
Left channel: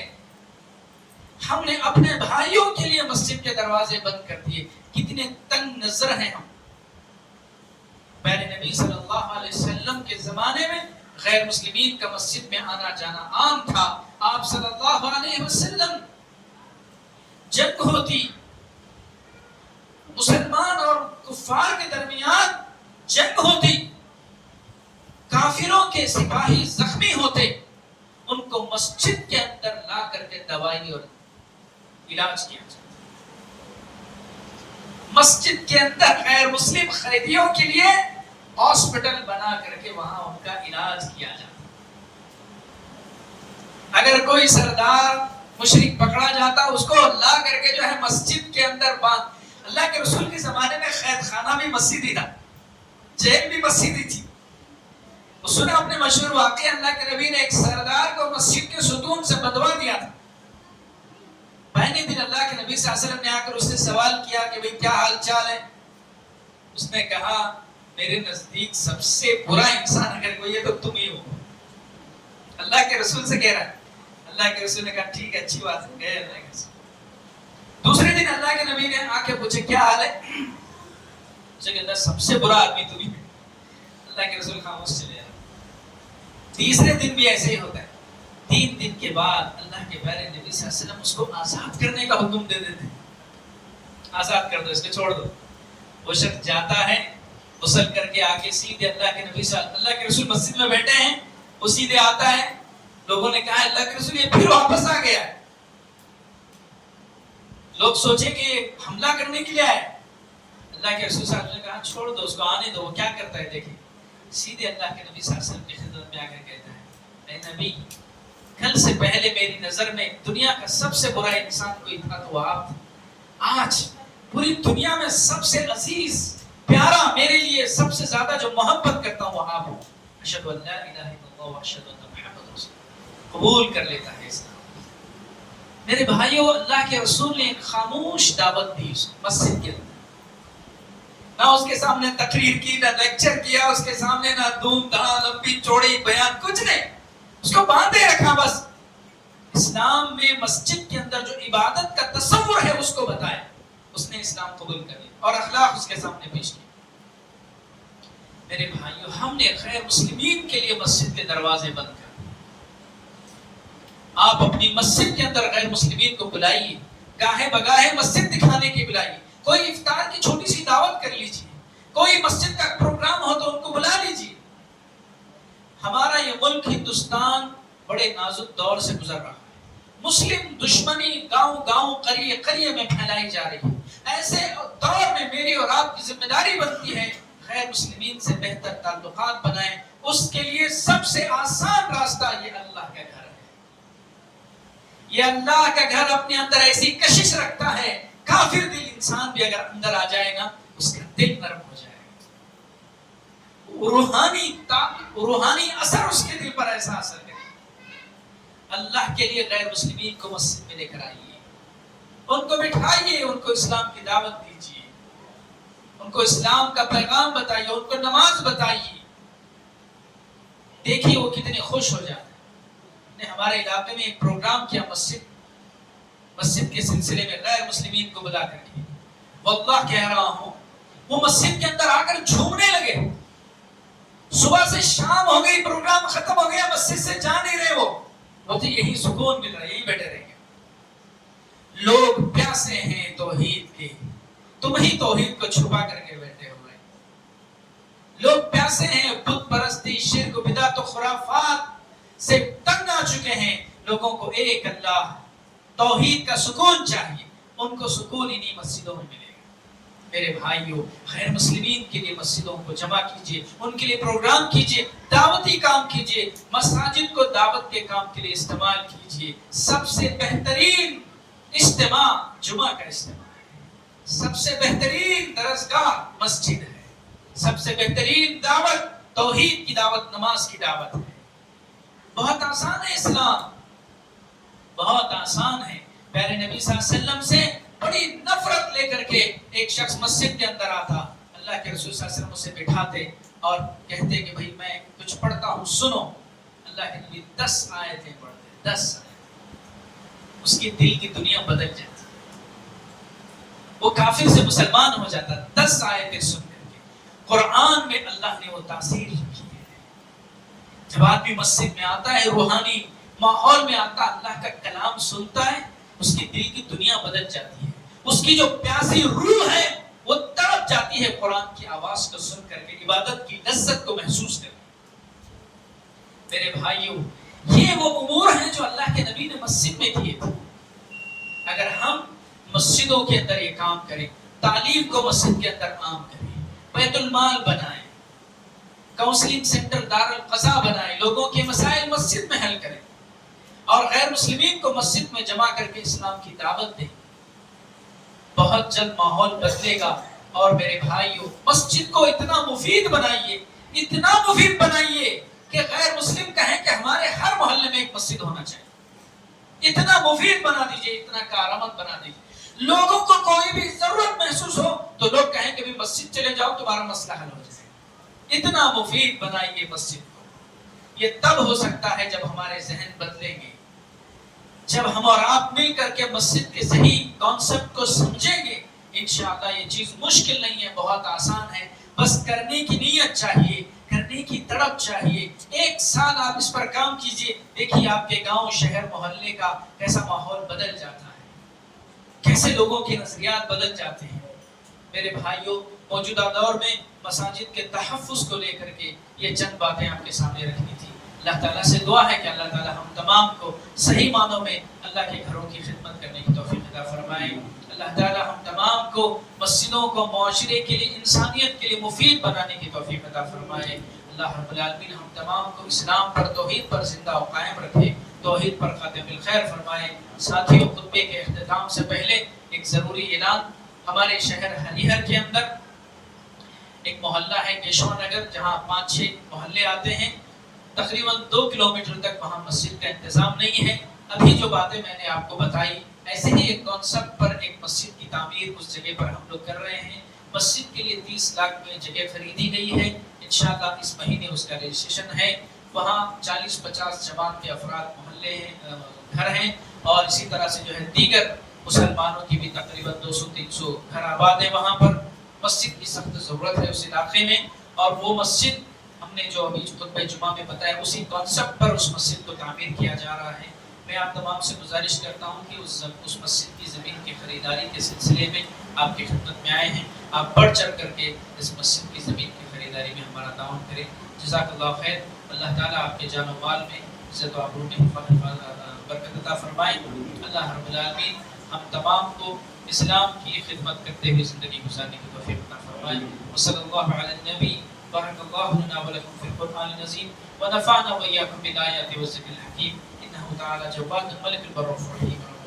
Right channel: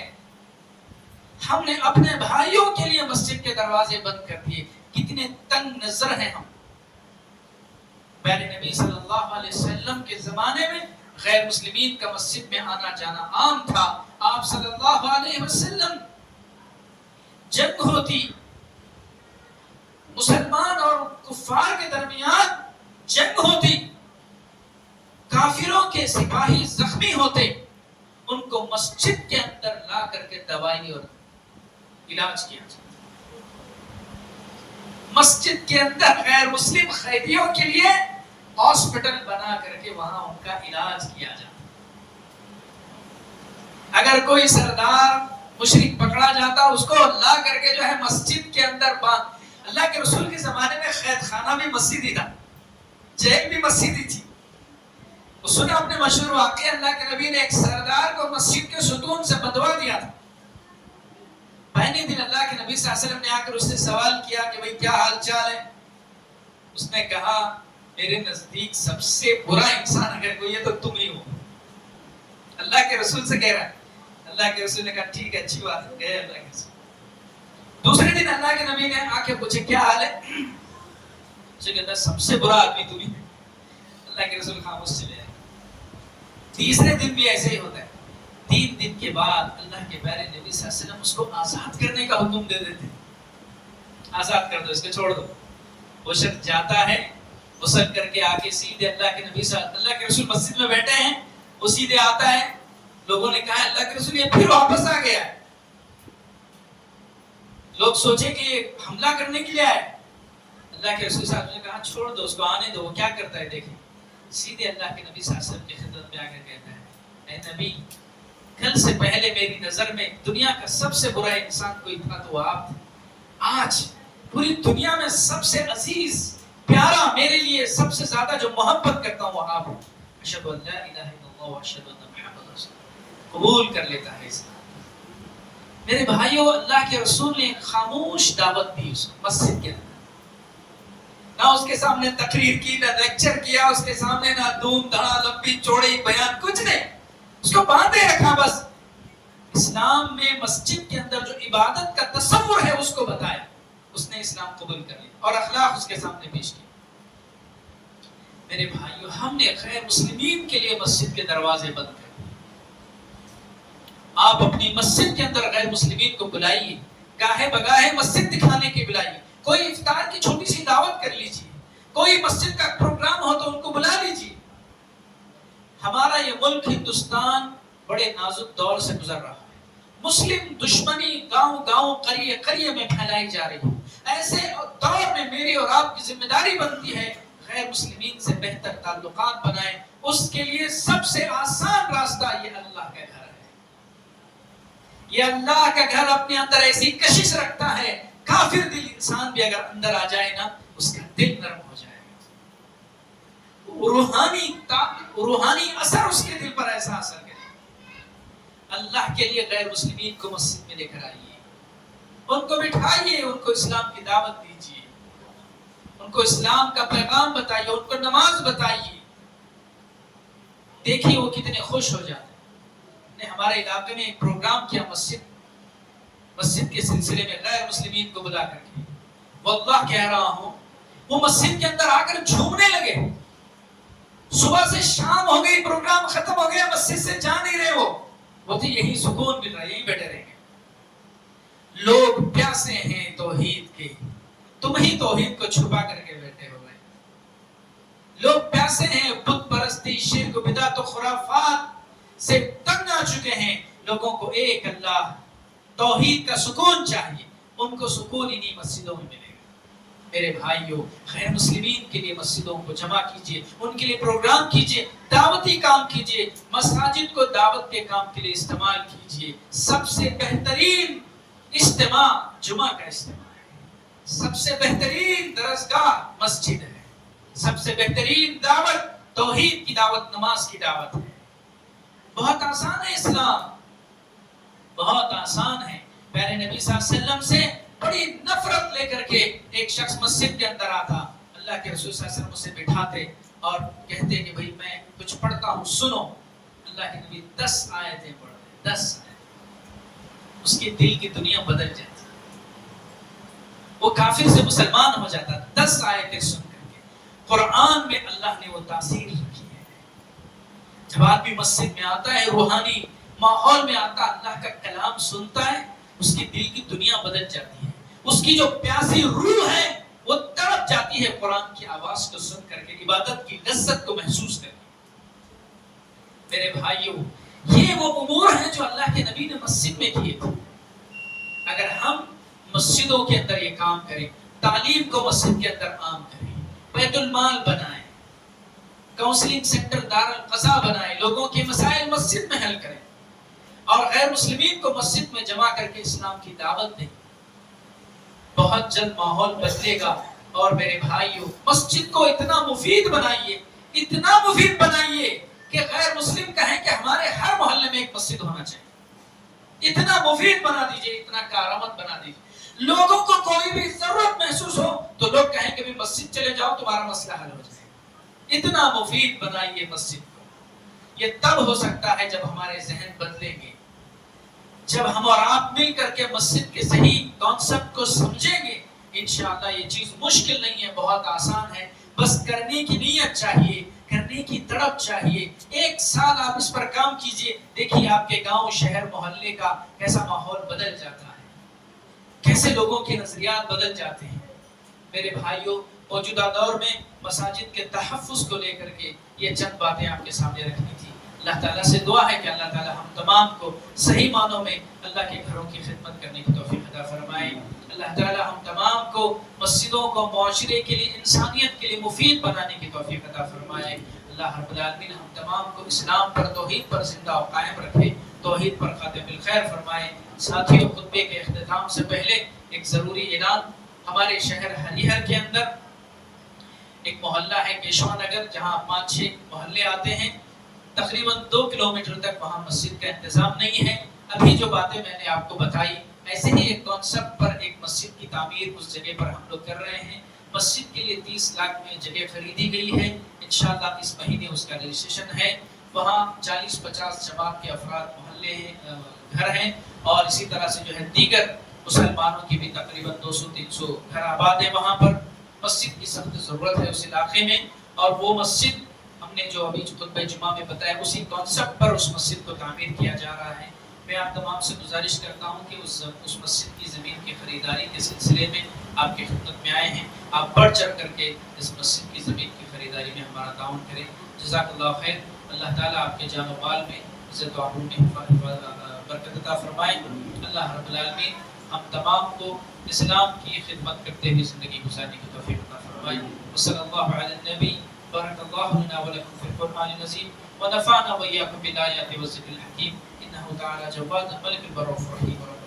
ہم نے اپنے بھائیوں کے لیے مسجد کے دروازے بند کر دیے۔ کتنے تنگ نظر ہیں ہم۔ پہلے نبی صلی اللہ علیہ وسلم کے زمانے میں غیر مسلمین کا مسجد میں آنا جانا عام تھا۔ آپ صلی اللہ علیہ وسلم جنگ ہوتی، مسلمان اور کفار کے درمیان جنگ ہوتی، کافروں کے سپاہی زخمی ہوتے، ان کو مسجد کے اندر لا کر کے دوائی اور علاج کیا جاتا۔ مسجد کے اندر غیر مسلم قیدیوں کے لیے ہاسپٹل بنا کر کے وہاں ان کا علاج کیا جاتا۔ اگر کوئی سردار مشرک پکڑا جاتا، اس کو لا کر کے جو ہے مسجد کے اندر باندھ۔ اللہ کے رسول کے زمانے میں قید خانہ بھی مسجد ہی تھا، جیل بھی مسجد ہی تھی۔ سنا اپنے مشہور واقعہ، اللہ کے نبی نے ایک سردار کو مسجد کے ستون سے بدوا دیا تھا۔ پہلے دن اللہ کے نبی صلی اللہ علیہ وسلم نے آ کر اس سے سوال کیا کہ بھئی کیا حال چال ہے؟ اس نے کہا میرے نزدیک سب سے برا انسان اگر کوئی ہے تو تم ہی ہو۔ اللہ کے رسول سے کہہ رہا ہے۔ اللہ کے رسول نے کہا ٹھیک ہے، اچھی بات ہے، گئے اللہ کے رسول۔ دوسرے دن اللہ کے نبی نے آ کے پوچھے کیا حال ہے؟ اسے کہتا ہے سب سے برا آدمی تم ہی ہے۔ اللہ کے رسول خاموش چلے جائے۔ تیسرے دن بھی ایسے ہی ہوتا ہے۔ 3 دن کے بعد اللہ کے پیارے نبی صلی اللہ علیہ وسلم اس کو آزاد کرنے کا حکم دے دیتے ہیں۔ آزاد کر دو، اس کو چھوڑ دو۔ وہ شخص جاتا ہے، غسل کر کے آگے سیدھے اللہ کے نبی اللہ کے رسول مسجد میں بیٹھے ہیں، وہ سیدھے آتا ہے۔ لوگوں نے کہا اللہ کے رسول یہ پھر واپس آ گیا۔ لوگ سوچے کہ یہ حملہ کرنے کے لیے آئے۔ اللہ کے رسول صلی اللہ علیہ وسلم نے کہا چھوڑ دو اس کو، آنے دو، وہ کیا کرتا ہے دیکھیں۔ سیدھے اللہ کے نبی صلی اللہ علیہ وسلم کی خدمت میں آ کر کہتا ہے اے نبی، کل سے پہلے میری نظر میں دنیا کا سب سے برا انسان کوئی تھا تو وہ آپ تھے، آج پوری دنیا میں سب سے عزیز پیارا، میرے لیے سب سے زیادہ جو محبت کرتا ہوں وہ آپ ہوں۔ اشہد ان لا الہ الا اللہ واشہد ان محمد رسول اللہ، قبول کر لیتا ہے اسلام۔ میرے بھائیوں، اللہ کے رسول نے خاموش دعوت دی اس مسجد کے اندر، نہ اس کے سامنے تقریر کی، نہ لیکچر کیا اس کے سامنے، نہ دھوم دھام لمبی چوڑی بیان، کچھ نہیں، اس کو باندھے رکھا بس۔ اسلام میں مسجد کے اندر جو عبادت کا تصور ہے اس کو بتایا، اس نے اسلام قبول کر لیا اور اخلاق اس کے سامنے پیش کیا۔ میرے بھائیوں، ہم نے غیر مسلمین کے لیے مسجد کے دروازے بند کر دیے۔ آپ اپنی مسجد کے اندر غیر مسلمین کو بلائیے، گاہے بگاہے مسجد دکھانے کی بلائیے، کوئی افطار کی چھوٹی سی دعوت کر لیجیے، کوئی مسجد کا پروگرام ہو تو ان کو بلا لیجیے۔ ہمارا یہ ملک ہندوستان بڑے نازک دور سے گزر رہا ہے. مسلم دشمنی گاؤں گاؤں قریے قریے میں پھیلائی جا رہی ہے. ایسے دور میں میری اور آپ کی ذمہ داری بنتی ہے غیر مسلمین سے بہتر تعلقات بنائیں. اس کے لیے سب سے آسان راستہ یہ اللہ کا گھر ہے. یہ اللہ کا گھر اپنے اندر ایسی کشش رکھتا ہے، کافر دل انسان بھی اگر اندر آ جائے نا اس کا دل نرم ہو جائے گا. روحانی اثر اس کے دل پر ایسا اثر ہے. اللہ کے لیے غیر مسلمین کو مسجد میں لے کر آئیے، ان کو بٹھائیے، ان کو اسلام کی دعوت دیجیے، ان کو اسلام کا پیغام بتائیے، ان کو نماز بتائیے. دیکھیے وہ کتنے خوش ہو جاتے ہیں. ہمارے علاقے میں ایک پروگرام کیا مسجد کے سلسلے میں غیر مسلمین کو بلا کر کے. واللہ کہہ رہا ہوں وہ مسجد کے اندر آ کر جھومنے لگے. صبح سے شام ہو گئی، پروگرام ختم ہو گیا، مسجد سے جا نہیں رہے. وہ تھی یہی سکون مل رہا ہے، یہی بیٹھے رہیں گے. لوگ پیاسے ہیں توحید کے، تم ہی توحید کو چھپا کر کے بیٹھے ہوئے. لوگ پیاسے ہیں بت پرستی، شرک، بدعت و خرافات سے تنگ آ چکے ہیں. لوگوں کو ایک اللہ توحید کا سکون چاہیے. ان کو سکون انہی مسجدوں میں ملے گا. میرے بھائیوں، غیر مسلمین کے لیے مسجدوں کو جمع کیجیے، ان کے لیے پروگرام کیجیے، دعوتی کام کیجیے. مساجد کو دعوت کے کام کے لیے استعمال کیجیے. سب سے بہترین اجتماع جمعہ کا اجتماع ہے. سب سے بہترین درسگاہ مسجد ہے. سب سے بہترین دعوت توحید کی دعوت، نماز کی دعوت ہے. بہت آسان ہے اسلام، بہت آسان ہے. پیارے نبی صلی اللہ علیہ وسلم سے بڑی نفرت لے کر کے ایک شخص مسجد کے اندر آتا. اللہ کے رسول صلی اللہ علیہ وسلم اسے بٹھاتے اور کہتے کہ بھئی میں کچھ پڑھتا ہوں سنو. اللہ کے نبی 10 آیتیں پڑھتے، 10 آیتیں. اس کے دل کی دنیا بدل جاتی، وہ کافر سے مسلمان ہو جاتا 10 آیتیں سن کر کے. قرآن میں اللہ نے وہ تاثیر رکھی ہے. جب آدمی مسجد میں آتا ہے، روحانی ماحول میں آتا، اللہ کا کلام سنتا ہے، اس کی دل کی دنیا بدل جاتی ہے. اس کی جو پیاسی روح ہے وہ تڑپ جاتی ہے قرآن کی آواز کو سن کر کے، عبادت کی لذت کو محسوس کر کے. میرے بھائیوں، یہ وہ امور ہیں جو اللہ کے نبی نے مسجد میں کیے تھے. اگر ہم مسجدوں کے اندر یہ کام کریں، تعلیم کو مسجد کے اندر عام کریں، بیت المال بنائیں، کاؤنسلنگ سینٹر دارالقضاء بنائیں، لوگوں کے مسائل مسجد میں حل کریں، اور غیر مسلمین کو مسجد میں جمع کر کے اسلام کی دعوت دیں، بہت جلد ماحول بدلے گا. اور میرے بھائیوں، مسجد کو اتنا مفید بنائیے، اتنا مفید بنائیے کہ غیر مسلم کہیں کہ ہمارے ہر محلے میں ایک مسجد ہونا چاہیے. اتنا مفید بنا دیجئے، اتنا کارآمد بنا دیجئے. لوگوں کو کوئی بھی ضرورت محسوس ہو تو لوگ کہیں کہ بھی مسجد چلے جاؤ تمہارا مسئلہ حل ہو جائے. اتنا مفید بنائیے مسجد کو. یہ تب ہو سکتا ہے جب ہمارے ذہن بدلیں گے، جب ہم اور آپ مل کر کے مسجد کے صحیح کانسیپٹ کو سمجھیں گے. انشاءاللہ یہ چیز مشکل نہیں ہے، بہت آسان ہے. بس کرنے کی نیت چاہیے، کرنے کی تڑپ چاہیے. 1 سال آپ اس پر کام کیجئے، دیکھیے آپ کے گاؤں، شہر، محلے کا کیسا ماحول بدل جاتا ہے، کیسے لوگوں کے نظریات بدل جاتے ہیں. میرے بھائیوں، موجودہ دور میں مساجد کے تحفظ کو لے کر کے یہ چند باتیں آپ کے سامنے رکھنی تھی. اللہ تعالیٰ سے دعا ہے کہ اللہ تعالیٰ ہم تمام کو صحیح معنوں میں اللہ کے گھروں کی خدمت کرنے کی توفیق عطا فرمائے. اللہ تعالیٰ ہم تمام کو مسجدوں کو معاشرے کے لیے، انسانیت کے لیے مفید بنانے کی توفیق عطا فرمائے. اللہ رب العالمین ہم تمام کو اسلام پر، توحید پر زندہ و قائم رکھے، توحید پر خاتم الخیر فرمائے. ساتھیوں، خطبے کے اختتام سے پہلے ایک ضروری اعلان. ہمارے شہر ہریہر کے اندر ایک محلہ ہے کیشوا نگر، جہاں 5-6 محلے آتے ہیں. تقریباً 2 کلومیٹر تک وہاں مسجد کا انتظام نہیں ہے. ابھی جو باتیں میں نے آپ کو بتائی، ایسے ہی ایک کانسیپٹ پر ایک مسجد کی تعمیر اس جگہ پر ہم لوگ کر رہے ہیں. مسجد کے لیے 30 لاکھ میں جگہ خریدی گئی ہے. انشاءاللہ اس مہینے اس کا رجسٹریشن ہے. وہاں 40-50 جماعت کے افراد محلے ہیں، گھر ہیں، اور اسی طرح سے جو ہے دیگر مسلمانوں کی بھی تقریباً 200-300 گھر آباد ہیں. وہاں پر مسجد کی سخت ضرورت ہے اس علاقے میں، اور وہ مسجد ہم نے جو ابھی خطبہ جمعہ میں بتایا اسی کانسیپٹ پر اس مسجد کو تعمیر کیا جا رہا ہے. میں آپ تمام سے گزارش کرتا ہوں کہ اس مسجد کی زمین کی خریداری کے سلسلے میں آپ کی خدمت میں آئے ہیں. آپ بڑھ چڑھ کر کے اس مسجد کی زمین کی خریداری میں ہمارا تعاون کریں. جزاک اللہ خیر. اللہ تعالیٰ آپ کے جان و مال میں عزت و آبرو میں برکت عطا فرمائے. اللہ رب العالمین ہم تمام کو اسلام کی خدمت کرتے ہوئے زندگی گزارنے کی توفیق عطا فرمائے. وصلی اللہ علی النبی. بارک اللہ لنا ولکم فی القرآن العظیم ونفعنا وإياكم بالآیات والذکر الحکیم. انہ تعالی جواد ملک البر الرحیم.